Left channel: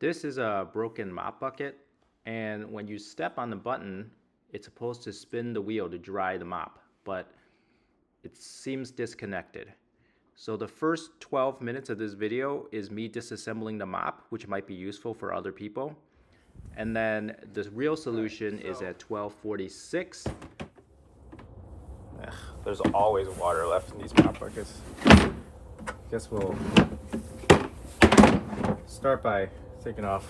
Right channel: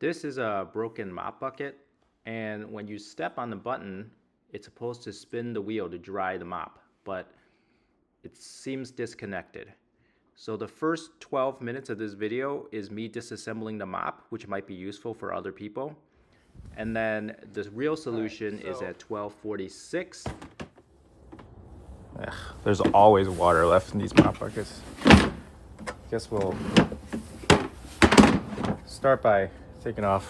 This is a broken mop bucket, and when you step on the button, it's supposed to spin the wheel to dry the mop, but it seems disconnected. So the first 12 minutes of this video is me disassembling the mop, which might be useful for other people. And then the real solution is at 12:46. There's always water left in these mop buckets. Guess we'll start by taking off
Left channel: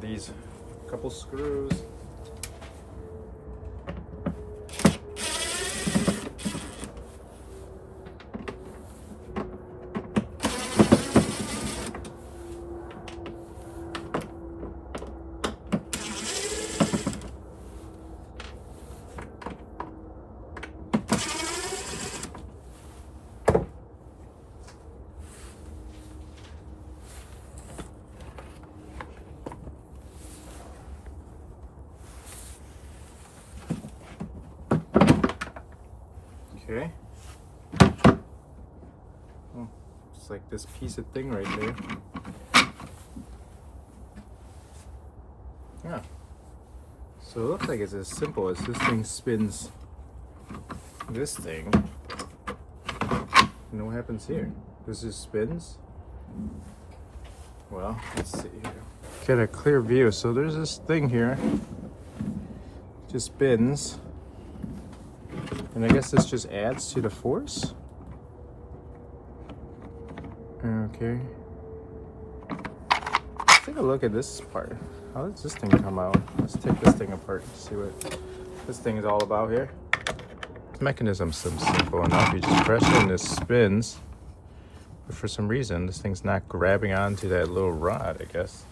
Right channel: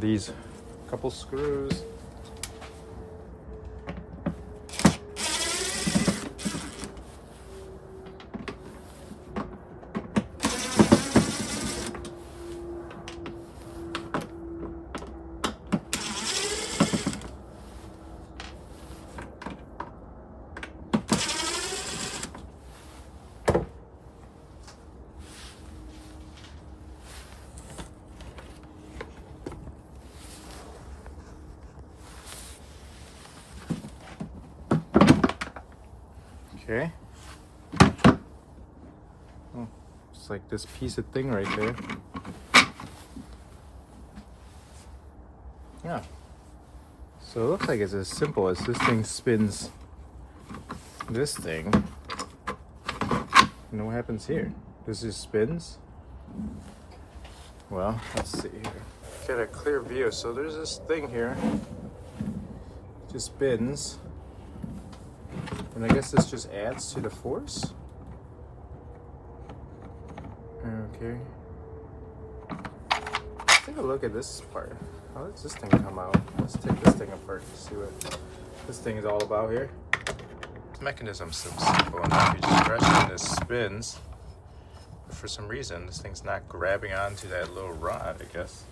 these couple screws. Okay. Oh, it's like this piece of thing right there. Yeah. So it looks like it's as simple as this thing spins this thing. And what happens here? This just spins. Well, let's see here. Get a clear view. So there's this thing here. Just spins. And I guess this just adds to the force. Okay. Let's take a look at this part. How does this thing come out? Let's take this thing apart and see what this thing is all about here. This mechanism seems simple enough. You just press it and it spins. But for some reason, this thing's not grabbing onto that little rod, I guess.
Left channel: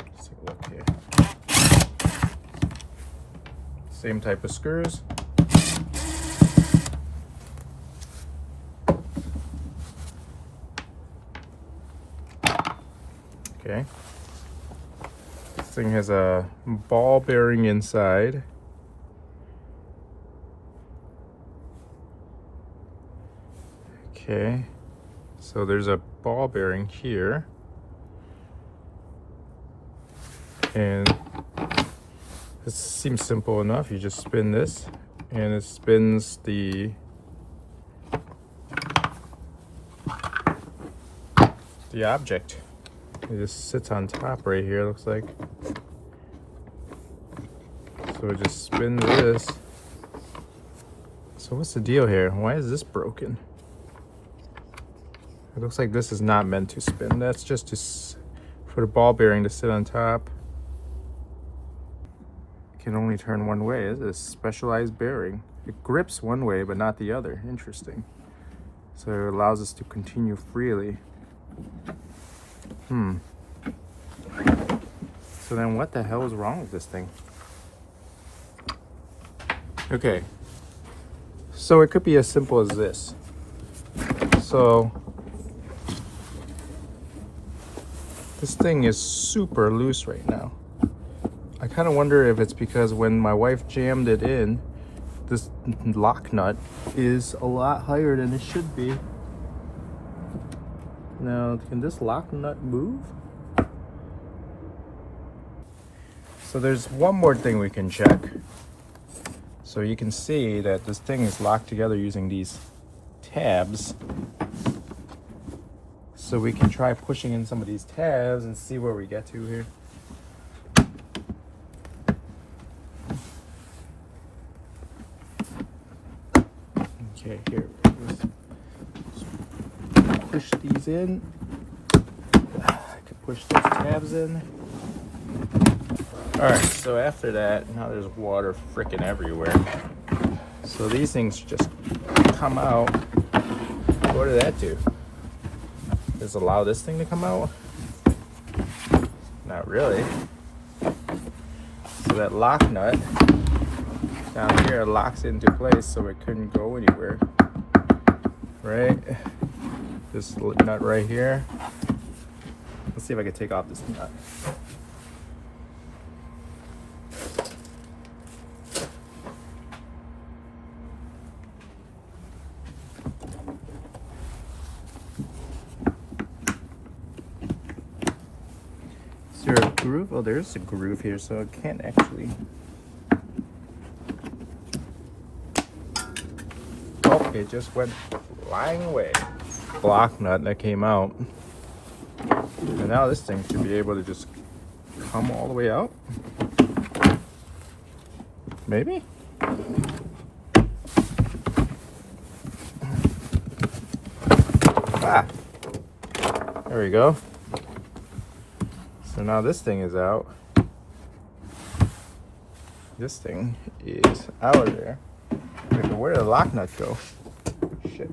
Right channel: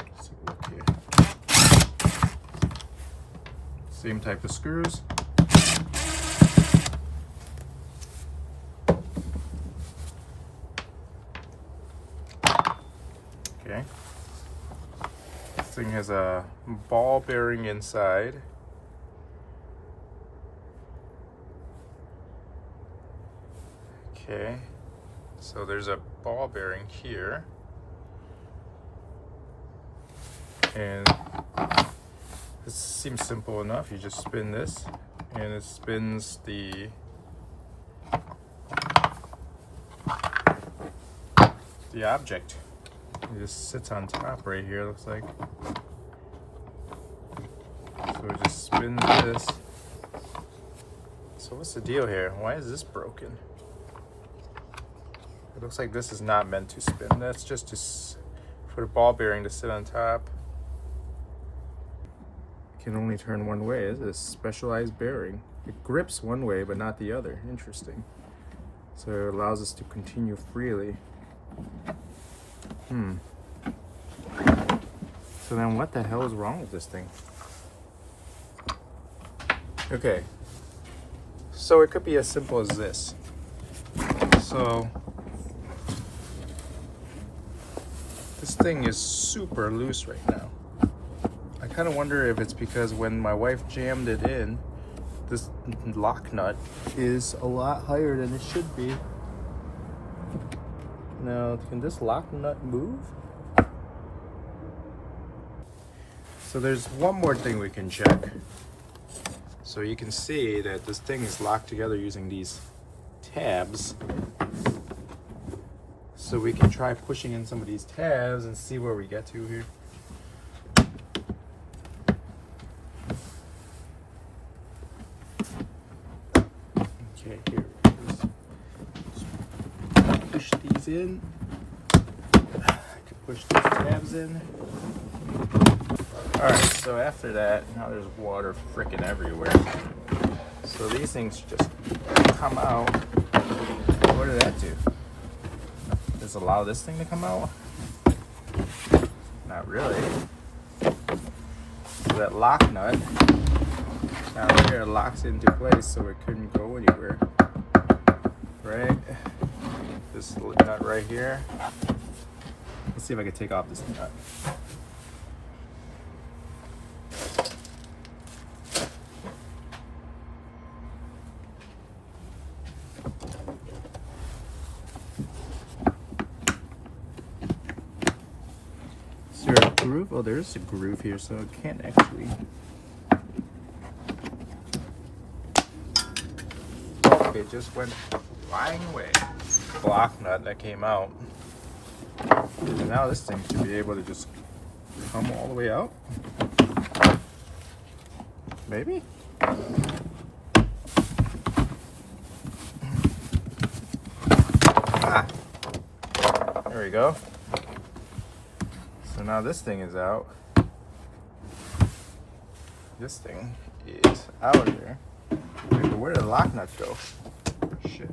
Let's take a look here. Same type of screws. Okay. This thing has a ball bearing inside. Okay. So there's a ball bearing here. And this seems simple enough. You just spin this and it spins the object. It just sits on top right here, looks like. So it just spins this. So what's the deal here? Why is this broken? It looks like this is not meant to spin. That's just for the ball bearing to sit on top. It can only turn one way. It's a specialized bearing. It grips one way, but not the other. Interesting. So it allows us to continue freely. So then what the hell is wrong with this thing? Okay. So it could be as simple as this. So this thing is super loose right now. I kind of wonder if it's because when my wife jammed it in, this lock nut is a lot higher than it should be. Now, can this lock nut move? So there's one more thing we can check. So you can see that this thing is locked together using these tabs. So we can try pushing in some of these tabs and see where we get to here. Okay, here. Let's push these in. I could push these tabs in. Alright, so after that, now there's water freaking everywhere. So these things just come out. What did that do? Does it allow this thing to come out? Not really. So that lock nut down here locks into place so it couldn't go anywhere. Right? This nut right here. Let's see if I can take off this nut. groove? Oh, there's a groove here, so it can't actually. Oh, it just went flying away. Block nut that came out. And now this thing should be able to just come all the way out. Maybe? Ah! There we go. So now this thing is out. This thing is out of there. Where did the lock nut go? Shit.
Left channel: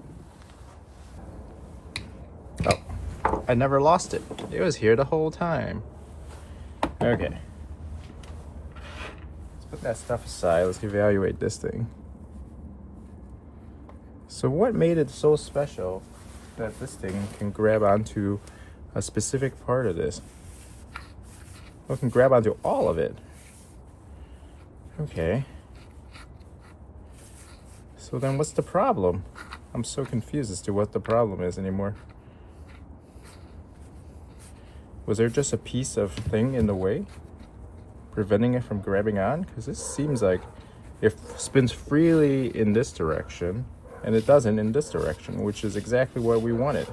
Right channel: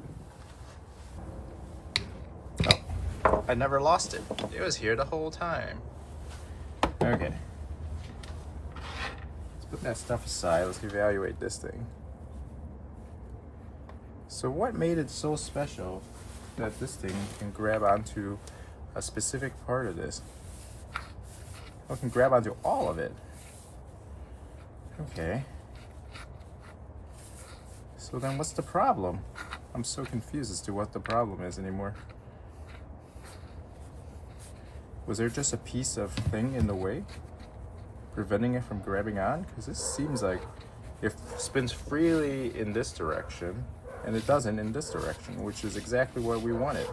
Oh, I never lost it. It was here the whole time. Okay. Let's put that stuff aside. Let's evaluate this thing. So what made it so special that this thing can grab onto a specific part of this? Well, it can grab onto all of it. Okay. So then what's the problem? I'm so confused as to what the problem is anymore. Was there just a piece of thing in the way preventing it from grabbing on? Because this seems like it spins freely in this direction and it doesn't in this direction, which is exactly what we wanted.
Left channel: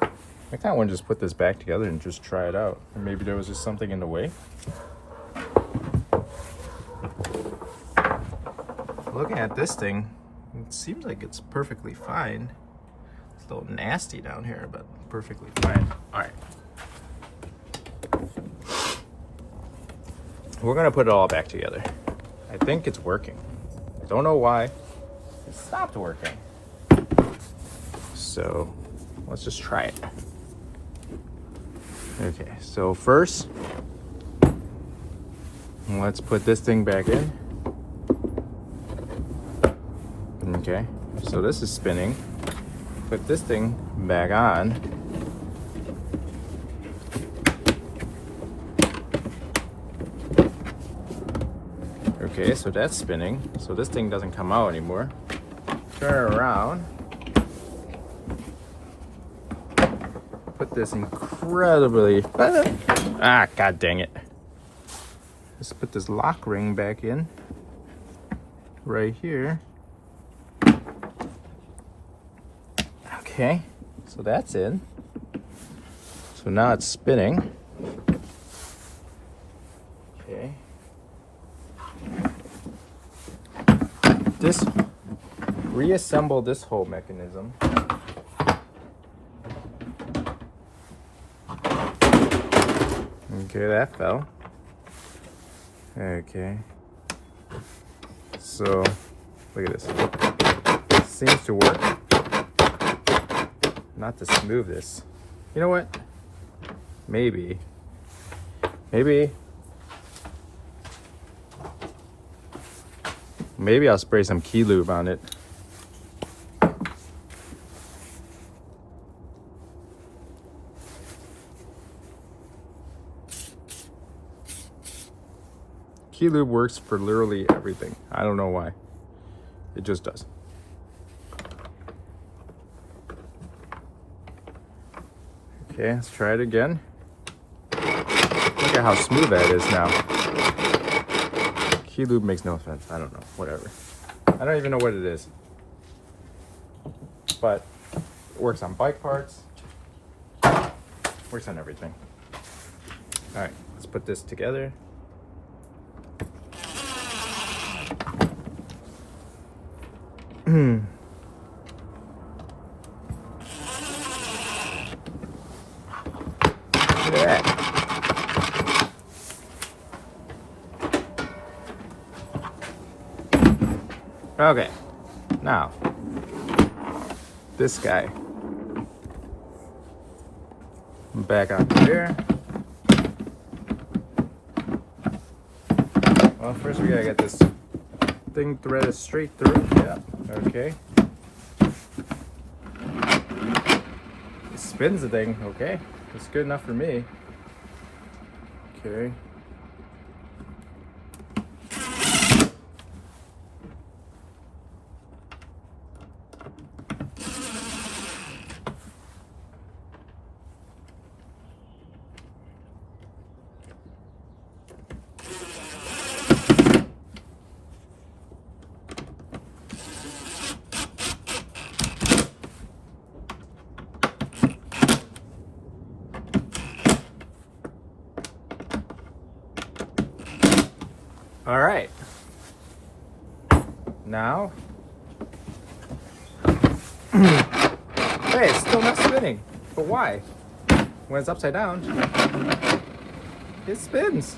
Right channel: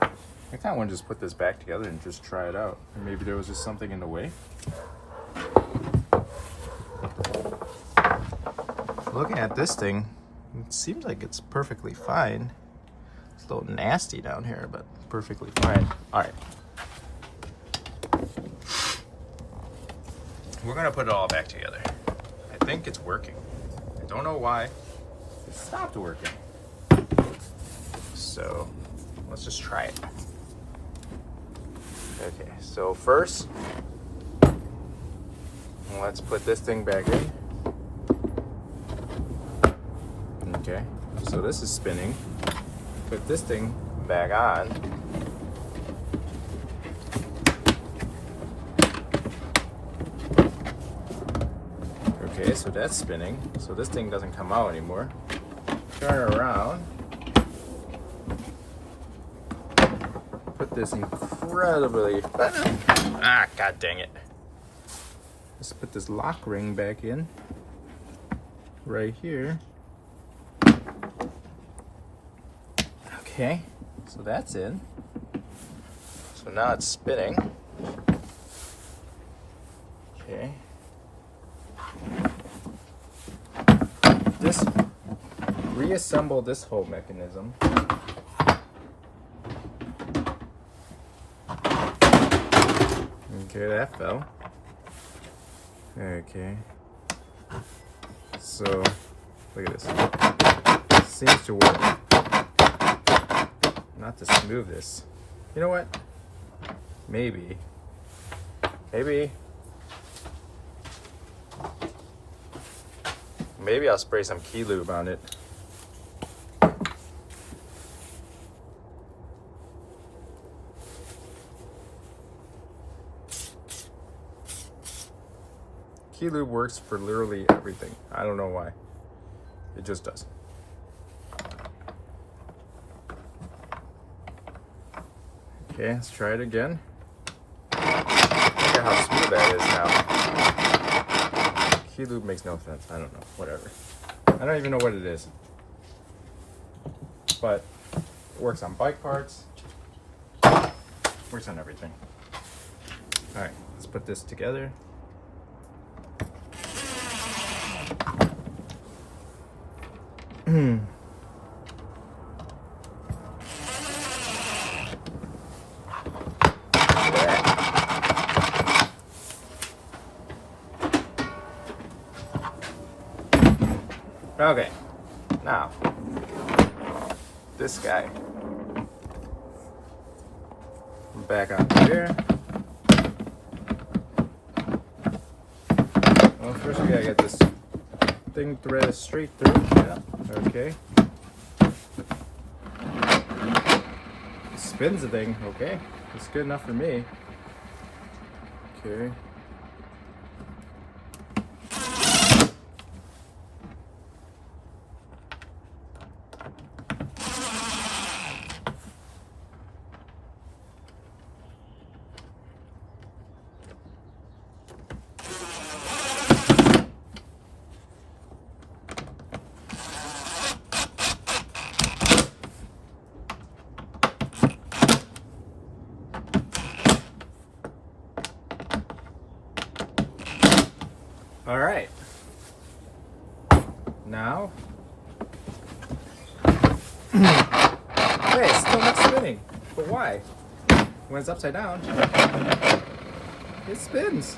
I kind of want to just put this back together and just try it out. Maybe there was just something in the way. Looking at this thing, it seems like it's perfectly fine. It's a little nasty down here, but perfectly fine. All right. We're gonna put it all back together. I think it's working. I don't know why. It stopped working. So let's just try it. Okay, so first, let's put this thing back in. Okay, so this is spinning. Put this thing back on. Okay, so that's spinning. So this thing doesn't come out anymore. Turn around. Put this incredibly... Ah, god dang it. Let's put this lock ring back in. Right here. Okay, so that's in. So now it's spinning. Okay. Reassemble this whole mechanism. Okay, that fell. Okay. So, look at this. It seems to work. Not to smooth this. You know what? Maybe I'll spray some key lube on it. Key lube works for literally everything. I don't know why. It just does. Okay, let's try it again. Look at how smooth that is now. Key lube makes no sense. I don't know. Whatever. I don't even know what it is. But it works on bike parts. Works on everything. Alright, let's put this together. Okay, now this guy back up here. Well, first we gotta get this thing threaded straight through. Yeah, okay. It spins the thing. Okay, that's good enough for me. Okay. Hey, it's still not spinning. But why? When it's upside down, it spins.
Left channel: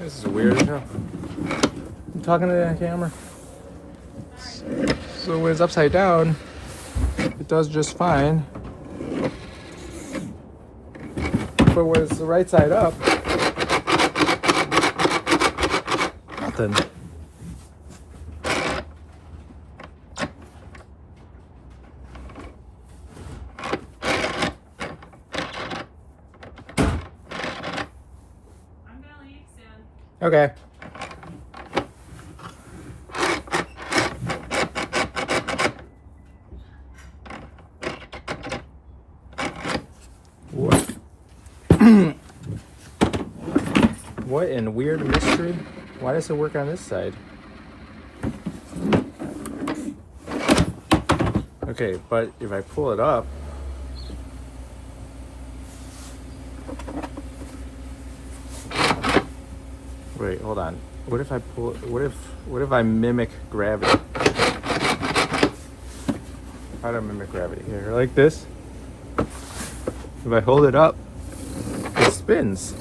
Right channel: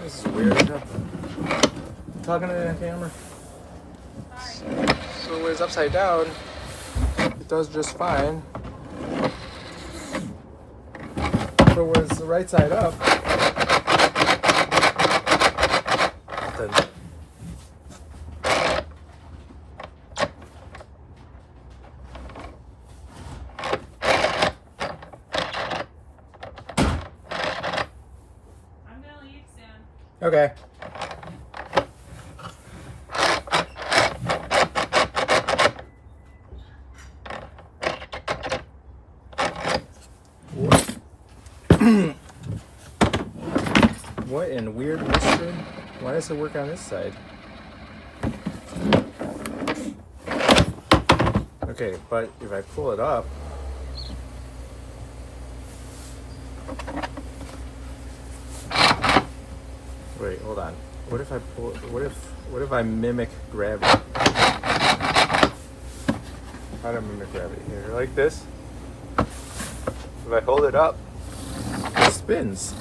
This is weird. I'm talking to the camera. So when it's upside down, it does just fine. But when it's the right side up, then okay. What in weird mystery? Why does it work on this side? Okay, but if I pull it up, wait, hold on. What if I pull? What if I mimic gravity? How do I mimic gravity? Here, like this. If I hold it up, it spins.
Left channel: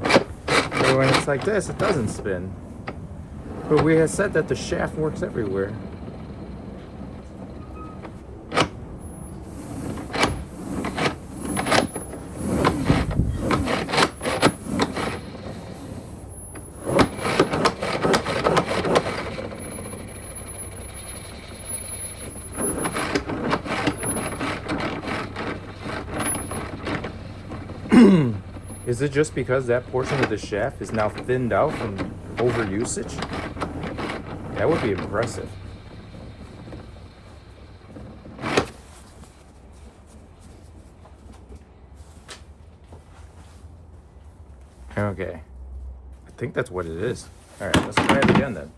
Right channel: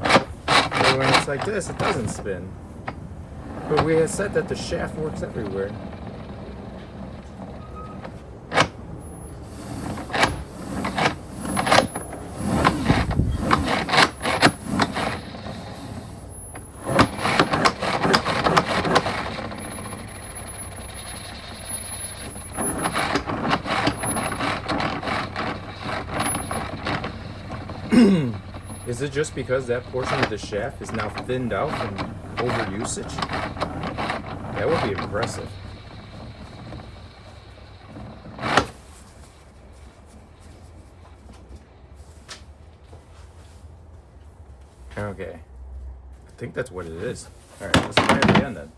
And when it's like this, it doesn't spin. But we had said that the shaft works everywhere. Is it just because that portion of the shaft is now thinned out from overusage? That would be impressive. Okay. I think that's what it is. Alright, let's try it again then.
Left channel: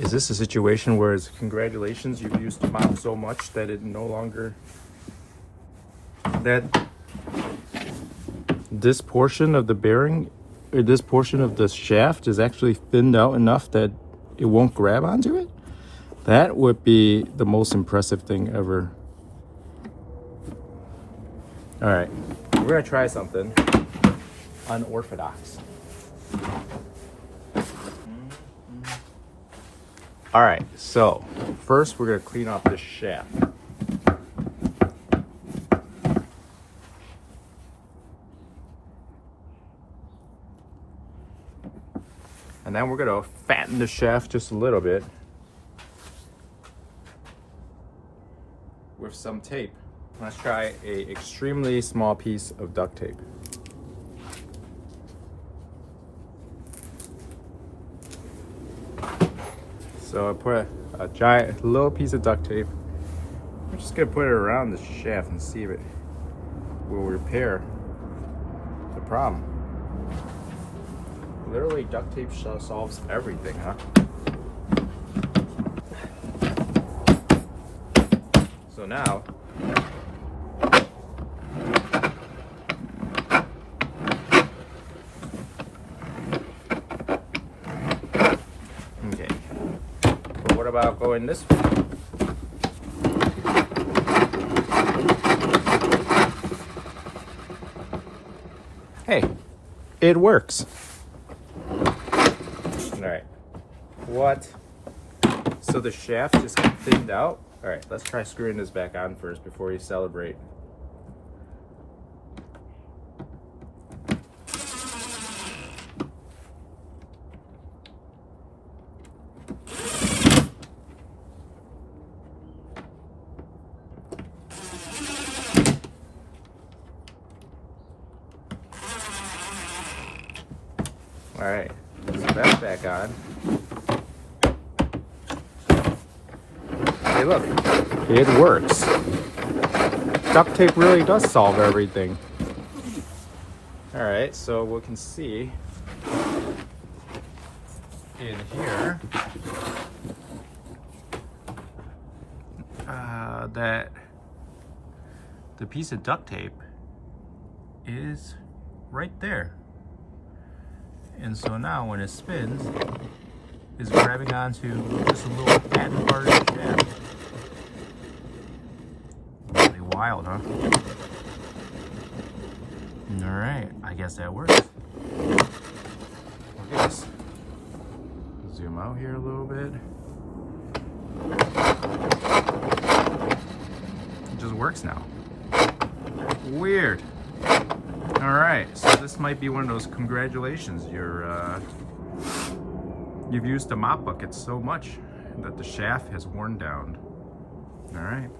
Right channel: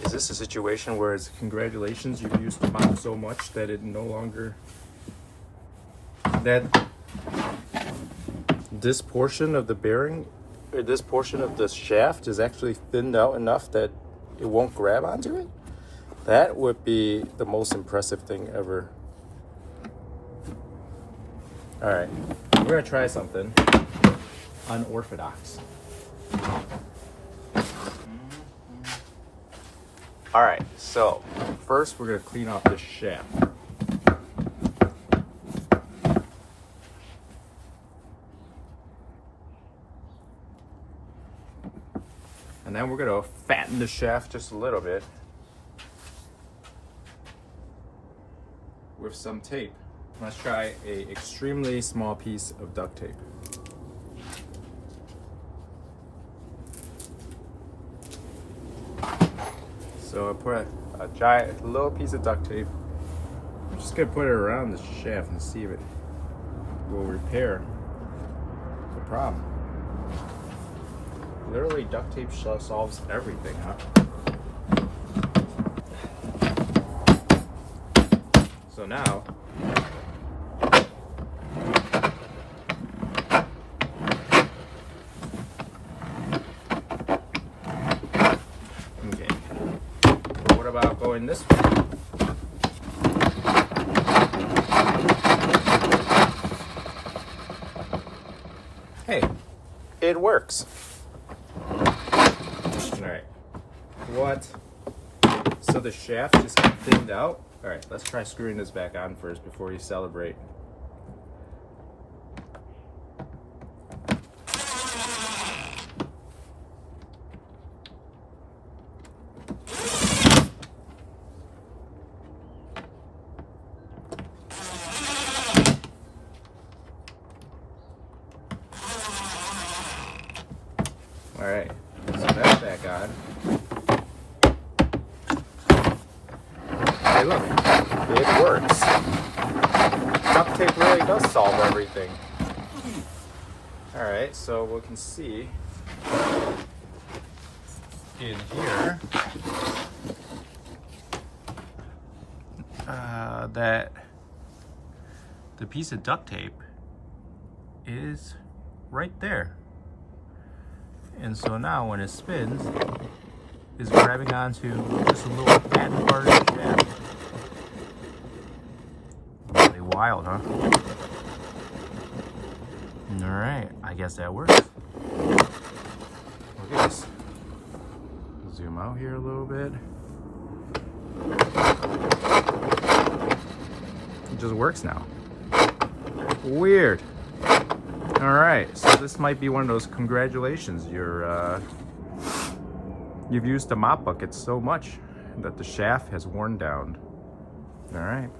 Is this a situation where it's congratulations, you've used the mop so much that it no longer, that this portion of the bearing, or this portion of the shaft is actually thinned out enough that it won't grab onto it? That would be the most impressive thing ever. All right, we're gonna try something unorthodox. All right, so first we're gonna clean off this shaft. And then we're gonna fatten the shaft just a little bit with some tape. Let's try a extremely small piece of duct tape. So I put a giant little piece of duct tape. I'm just gonna put it around the shaft and see if it will repair the problem. Literally, duct tape solves everything, huh? So now, okay, but what about going this way? Hey, it works. All right, what? So the shaft just got thinned out? All right, let's try screwing this back on first before you celebrate. All right, so that's back on. Hey, look, it works. Duct tape really does solve everything. All right, so we can see in here that the piece of duct tape is right there. And so now when it spins, it's grabbing onto just a little padded part of the shaft. Really wild, huh? Alright, I guess that works. Look at this. Zoom out here a little bit. It just works now. Weird. Alright, so this might be one of those congratulations. You've used the mop bucket so much that the shaft has worn down. Alright.